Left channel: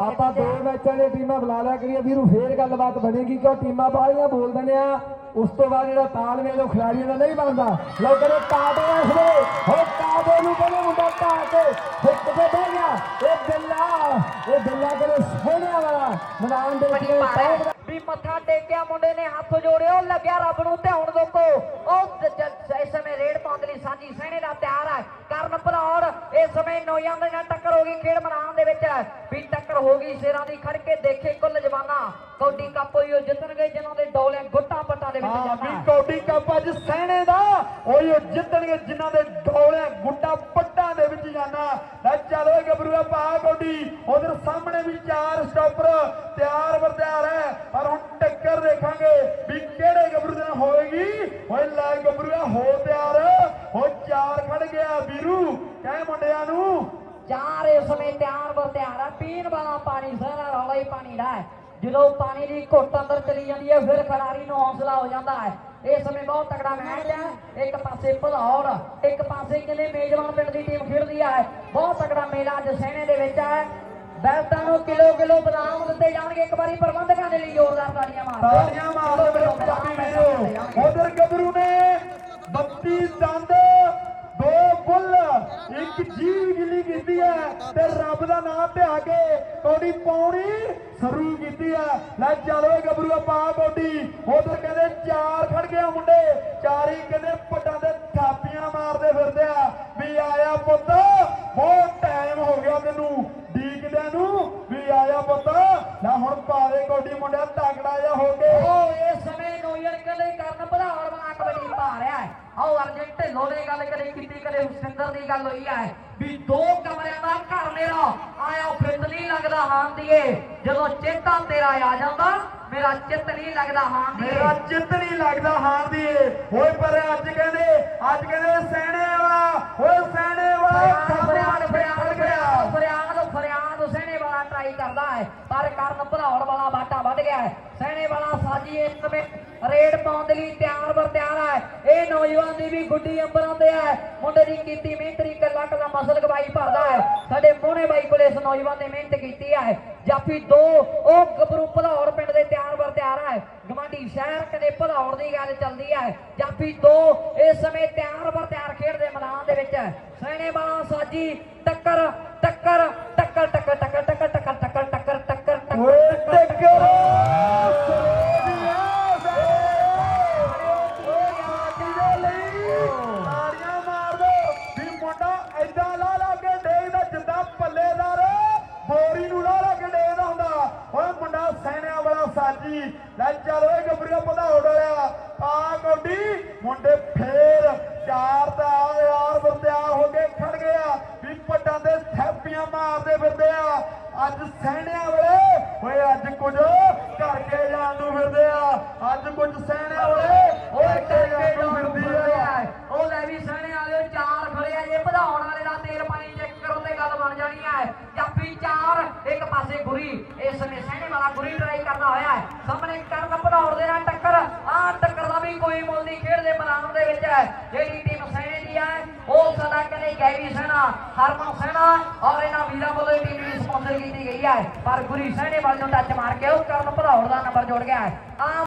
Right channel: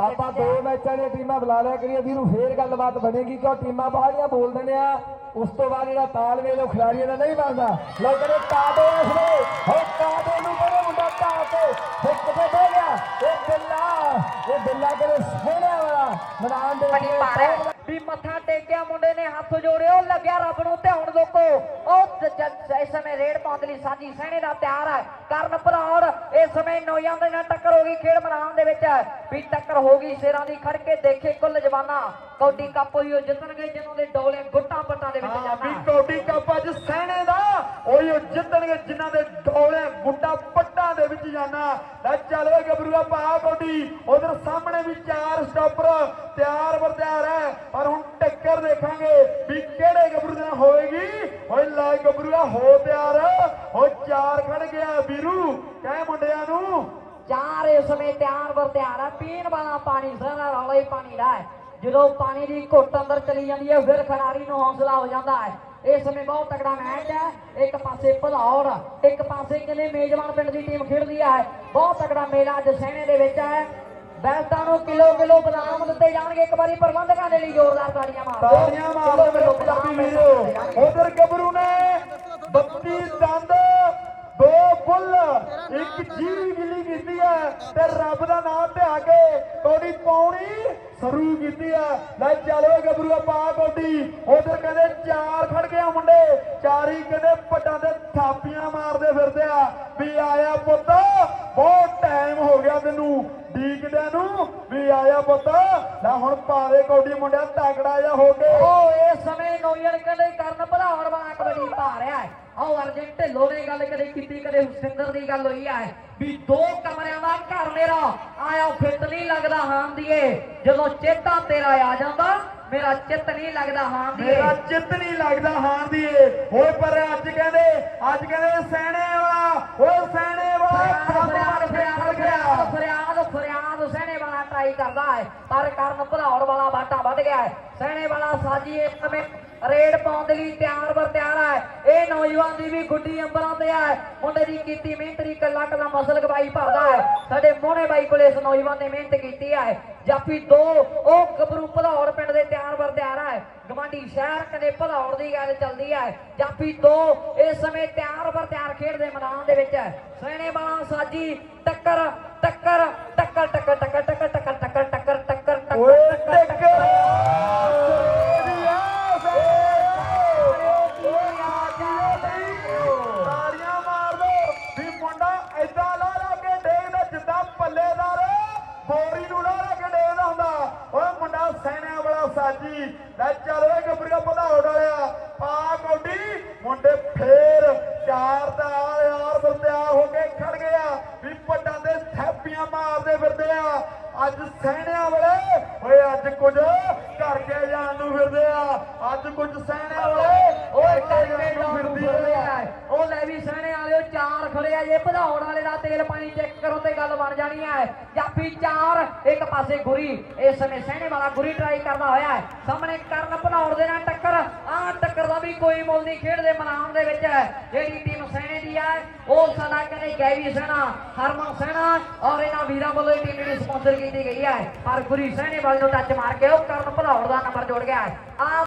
ਆਪਾਂ ਦੋ ਮੈਚਾਂ ਦੀਆਂ ਟੀਮਾਂ ਬੁਲਾ ਲਿਆ ਕਰੀਏ। ਵੀਰੂ ਫੇਰ ਗੱਲਬਾਤ ਬਣੇਗੀ ਕਿਉਂ ਟੀਮਾਂ ਬਾਹਲੀਆਂ ਬੋਲ ਦਿੰਦੇ ਆ। ਉਸ ਤੋਂ ਬਾਅਦ ਜਿਹੜਾ ਤਾਲਮੇਲ ਉਹ ਖਿਡਾਰੀਆਂ ਦਾ ਨਹੀਂ ਬਣਦਾ। ਲੇਕਿਨ ਇਹ ਕਾਬੇ ਇਸ ਵੇਲੇ। ਹੁਣ ਕਾਬੇ ਨੂੰ ਕਹਿੰਦੇ ਮੁੰਡਾ ਢਾਹ ਕੇ ਹਿੱਟ ਤੇ ਬਹਿ ਗਿਆ। ਇਹ ਬਿੱਲਾ ਇਹ ਬਿੱਲਾ ਕਹਿੰਦੇ ਸੋਹਣਿਆ ਵਾਲਾ। ਮੈਦਾਨ ਦੇ ਵਿੱਚ ਵੀ ਮੱਥਾ ਟੇਕਿਆ ਮੁੰਡੇ ਨੇ ਹੱਥ ਜੋੜਿਆ ਉਹ ਲੱਗਿਆ ਰੱਬ ਨੂੰ ਤੇ ਹੁਣ ਲੋਕੋ। ਉਹ ਇਸ ਸਮੇਂ ਰੇਡ ਪਾਉਣ ਲਈ ਸਾਜੀ ਸਹਿਣੇ ਦਾ ਤਿਆਰ ਹੈ ਕਰਨ ਭਰੌੜ ਇਸ ਸਮੇਂ ਨੌਜਾਂ ਦੇ ਨਾਲ ਟੱਕਰ ਹੋ ਗਈ ਖੇਡ ਮੈਦਾਨ ਦੇ ਵਿੱਚ ਵੀ ਟੱਕਰ ਹੋ ਗਈ ਸ਼ੇਰਾਂ ਦੀ ਖੜ ਕੇ ਦੇਖੇ ਕੁੱਲ ਜਵਾਨਾ। ਕੌਡੀ ਕੱਪ ਹੋਈ ਉਹ ਜਿੱਤਣਗੇ ਜਿਨ੍ਹਾਂ ਦੇ ਡੋਲੇ ਗੁੱਟਾਂ ਪੱਟਾਂ ਦੇ ਵਿੱਚ ਹਾਂ ਵੀ ਕੌਡੀ ਕੱਪ ਅੱਜ ਸਹਿਣੇ ਦਾ ਉਹੀ ਉਹ ਜਿੱਤਣਗੇ ਜਿਨ੍ਹਾਂ ਦੇ ਡੋਲੇ ਗੁੱਡਾ ਪੱਟਾਂ ਦੇ ਵਿੱਚ ਜਾਣਾ। ਲੈ ਚੱਲ ਓਏ ਗੱਭਰੂਆ ਪਾ ਕੌਡੀ ਉਧਰ ਸਾਹਮਣੇ ਵੀ ਚਾਰ ਸਟਾਪਰ ਤਿਆਰ ਬਰ ਤਿਆਰ ਹੈ। ਪਰ ਹੁਣ ਟੱਕਰ ਦੇਖਾਂਗੇ ਵੀ ਕਿਹੜੇ ਗੱਭਰੂ ਦੇ ਨਾਲ ਹੋਵੇਗੀ ਓਏ ਲੈ ਗੱਭਰੂਆ ਹੋ ਤਿਆਰ। ਹੋ ਚਾਰ ਖੜ ਗਿਆ ਵੀਰੂ ਕਹਿ ਮੁੰਡਿਆਂ ਨੂੰ ਚਾਰ ਇਸ ਸਮੇਂ ਤਿਆਰ ਵਰ ਤਿਆਰ ਹੈ ਪੀਣ ਵਾਲਾ ਪਾਣੀ ਸਾਰਾ ਰੌਲਾ ਹੀ ਪਾਣੀ ਦਾ ਹੈ। ਜਦੋਂ ਪਾਣੀ ਦੀ ਘੁੱਟ ਅੰਦਰ ਚਲੀ ਜਾਂਦੀ ਹੈ ਫਿਰ ਖਿਡਾਰੀ ਨੂੰ ਹੌਸਲਾ ਹੋ ਜਾਂਦਾ ਹੈ। ਇਸ ਸਮੇਂ ਬਹੁਤ ਤਕੜਾ ਮੈਚ ਹੈ। ਇੱਕ ਪਾਸੇ ਭਲੌੜ ਇੱਕ ਪਾਸੇ ਕਿਲੇ ਮੇਜਬਾਨ ਪਿੰਡ ਦੀ ਟੀਮ ਖੇਡਦੀ ਹੈ। ਬਹੁਤ ਤਕੜਾ ਮੇਲਾ ਅੱਜ ਸਹਿਣੇ ਦੇ ਵਿੱਚ ਹੈ। ਬੈਲਟਾਂ ਨੂੰ ਕਿਲੋ ਕਿਲੋ ਬਦਾਮ ਦਿੱਤੇ ਜਾਣਗੇ। ਇੱਕ ਵਾਰੀ ਪ੍ਰਬੰਧਕਾਂ ਦੇ ਲਈ ਜ਼ੋਰਦਾਰ ਤਾੜੀਆਂ ਮਾਰ ਤਾੜੀਆਂ ਮਾਰ ਬਦਾਮ। ਉਧਰ ਗੱਭਰੂ ਨੇ 32 ਦੰਦ ਦੋ ਬੁੱਲ ਇੱਕ ਜੀਵ ਗਿੱਲੀ ਕੀਤੀ ਹੈ ਤੇ ਰੱਬ ਪਾਉਣੀ ਸ਼ੁਰੂ ਕੀਤੀ ਹੈ ਲੈ ਚੱਲੋ ਗੱਭਰੂ ਪਾ ਕੌਡੀ ਉਧਰ ਕਹਿੰਦੇ ਚਾਰ ਖੜ ਗਿਆ ਮੁੰਡੇ। ਚਾਰੀ ਕਹਿੰਦੇ ਪੱਟਾਂ ਦੇ ਥਾਪੀਆਂ ਮਾਰਦੇ ਫਿਰਦੇ ਆ। ਵੀ ਆਇਆ ਪੁੱਤ, ਬਹੁਤ ਟਾਈਮ ਹੋ ਗਿਆ ਤੈਨੂੰ ਡੀਕਦਿਆਂ ਨੂੰ। ਵੀ ਆਇਆ ਪੁੱਤ ਲੈ ਹੁਣ ਪਾ ਦੇ ਕੌਡੀ ਮੁੰਡਿਆ, ਤਗੜਾ ਜਾ ਹੋ ਕੇ। ਉਹ ਇਸ ਸਮੇਂ ਨੋਇਲ ਕਲੇ ਕਰਨ ਭਰਾਉਣ ਵਾਲਾ ਕਬੱਡੀ ਪਾ ਰਿਹਾ ਹੈ ਆਓ ਅਰਜਨ ਢਿੱਲੋਂ ਨੇ ਗੱਲ ਕਦੇ ਕੀਤੀ ਕਦੇ ਹੁਸਿੰਦਰ ਦੀ ਗੱਲ ਹੋਈ ਹੈ ਵੀ ਦੋ ਕਮਰਿਆਂ ਦਾ ਘਰ ਮੇਰਾ ਆਇਆ ਫਿੱਟ ਨਹੀਂ ਲੱਗਦਾ ਹਾਂ ਦੀਏ। ਜਦੋਂ ਚੇਤਾ ਤੇਰਾ ਆ ਜਾਂਦਾ ਮੇਰਾ ਚਿੱਤ ਨਹੀਂ ਲੱਗਦਾ ਹਾਂ ਦੀਏ। ਮੇਰਾ ਚਿੱਤ ਨਹੀਂ ਲੱਗਦਾ ਹਾਰ ਦੀਏ। ਓਏ ਪਰ ਅੱਜ ਕਹਿੰਦੇ ਅੱਜ ਕਹਿੰਦੇ ਸੈਣੇ ਵਾਲਾ ਓਏ ਸੈਣੇ ਵਾਲਾ ਫਰਿਆਦ ਫਰਿਆਦ ਫਰਿਆਦ ਫਰਿਆਦ ਫਰਿਆਦ ਸਹਿਣੇ ਵਾਲਾ ਟਰਾਈ ਕਰਦਾ ਹੈ। ਪਰ ਕਰਨ ਭਰਾਉਣ ਵਾਲਾ ਬਾਟਾ ਵੱਧ ਗਿਆ ਹੈ। ਸਹਿਣੇ ਵਾਲਾ ਸਾਜੀ ਇਸ ਸਮੇਂ ਰੇਡ ਪਾਉਣ ਦੇ ਲਈ ਤਿਆਰ ਹੈ ਇਹ ਨੌਜਵਾਨ ਦੀ ਵੀ ਗੁੱਡੀ ਅੰਬਰਾਂ ਤੇ ਹੈ ਮੁੰਡੇ ਦੀ ਕੀਤੀ ਮਿਹਨਤ ਦੀ ਕੱਲਾ ਕੱਲਾ ਮਸਲ ਗਵਾਈ ਭਰਦਾ ਹੈ ਸਾਡੇ ਮੋਹਣੇ ਬਾਈ ਕੋਲੇ ਇਸ ਨੌਜਵਾਨ ਨੇ ਮਿਹਨਤ ਕੀਤੀ ਹੈ ਜਾਫੀ ਦੋ ਉਹ ਗੱਭਰੂ ਭਲੌੜ ਪਿੰਡ ਦੇ ਤਿਆਰ ਵਰ ਤਿਆਰ ਹੈ ਗਵਾਂਢੀ ਸ਼ਹਿਰ ਕਦੇ ਭਲੌੜ ਦੀ ਗੱਲ ਚੱਲਦੀ ਹੈ ਜਾਫੀ ਦੋ ਇਸ ਸਮੇਂ ਤਿਆਰ ਵਰ ਤਿਆਰ ਖੇਡਦੇ ਮੈਦਾਨ ਦੇ ਵਿੱਚ ਸੈਣੇ ਵਾਲਾ ਸਾਜੀ ਟੱਕਰ ਟੱਕਰ ਟੱਕਰ ਟੱਕਰ ਟੱਕਰ ਟੱਕਰ ਟੱਕਰ ਟੱਕਰ ਟੱਕਰ ਟੱਕਰ ਟੱਕਰ ਸਾਜੀ ਲੈ ਚੱਲ ਓਏ ਗੱਭਰੀਆ ਵਧਾਉਣ ਵਾਲਿਆ ਪਾ ਕੌਡੀ ਮੁੰਡੇ ਫੇਰ ਚਾਰ ਦਾ ਯਾਰ ਬੰਦਿਆ ਹੋ ਕੇ ਖੜ ਗਿਆ ਵੀ ਪੱਟਾਂ ਦੇ ਥੈਪੀਆਂ ਮਾਰਦੇ ਫਿਰਦੇ ਆ। ਅੱਜ ਸੈਨਿਆਂ ਵਾਲੇ ਓਏ ਅੱਜ ਕੁਝ ਕਰਕੇ ਜਾਣ ਨੂੰ ਫਿਰਦੇ ਆ। ਅੱਜ ਕੁਝ ਸੈਨਿਆਂ ਵਾਲੇ ਓਏ ਕਰਕੇ ਜਾਣ ਨੂੰ ਫਿਰਦੇ ਆ। ਉਹ ਲੈ ਵੀ ਸਹਿਣੇ ਵਾਲੇ ਚਾਰ ਖੜੇ ਆ। ਜੇ ਵਧਾਉਣ ਵਾਲੇ ਦਾ ਤੇਲ ਪਾਣੀ ਚੈੱਕ ਕਰੋ ਤੇ ਗੱਲ ਬਣ ਜਾਣੀ ਹੈ ਜਾਫੀ ਚਾਰ, ਇੱਕ ਪਾਸੇ ਗੁਰੀ। ਇਸ ਸਮੇਂ ਸਹਿਣੇ ਵਾਲਾ ਗੁਰੀ ਟਰਾਈ ਕਰਦਾ ਹੋਇਆ ਹੈ। ਸਾਹਮਣੇ ਕਰਨ ਵਧਾਉਣ ਦੇ ਨਾਲ ਟੱਕਰ। ਆਹ ਟੱਕਰ ਦਾ ਵੀ ਕੋਈ ਮੁੱਲ ਨਹੀਂ ਖੇਡਦੇ ਮੈਦਾਨ ਦੇ ਵਿੱਚ। ਜਿਹੜੀ ਟੀਮ ਸਹਿਣੇ ਦੀ ਹੈ, ਉਹ ਸਦਾ ਕਦੇ ਗੈਵੀ ਸਹਿਣਾ, ਹਰਮਨ ਸਹਿਣਾ ਔਰ ਇਹਨਾਂ ਵੀਰਾਂ ਵੱਲੋਂ ਇਹ ਟੀਮ ਦੀ ਸਪਾਂਸਰ ਕੀਤੀ ਗਈ ਹੈ। ਪਰ ਗੁਰੀ ਸਹਿਣੇ ਵਾਲੇ ਨੂੰ ਟੱਚ ਮਾਰ ਕੇ ਉਹ ਕਰਨ ਵਧਾਉਣ ਦਾ ਨੰਬਰ ਜੋੜ ਗਿਆ ਹੈ। ਆਹ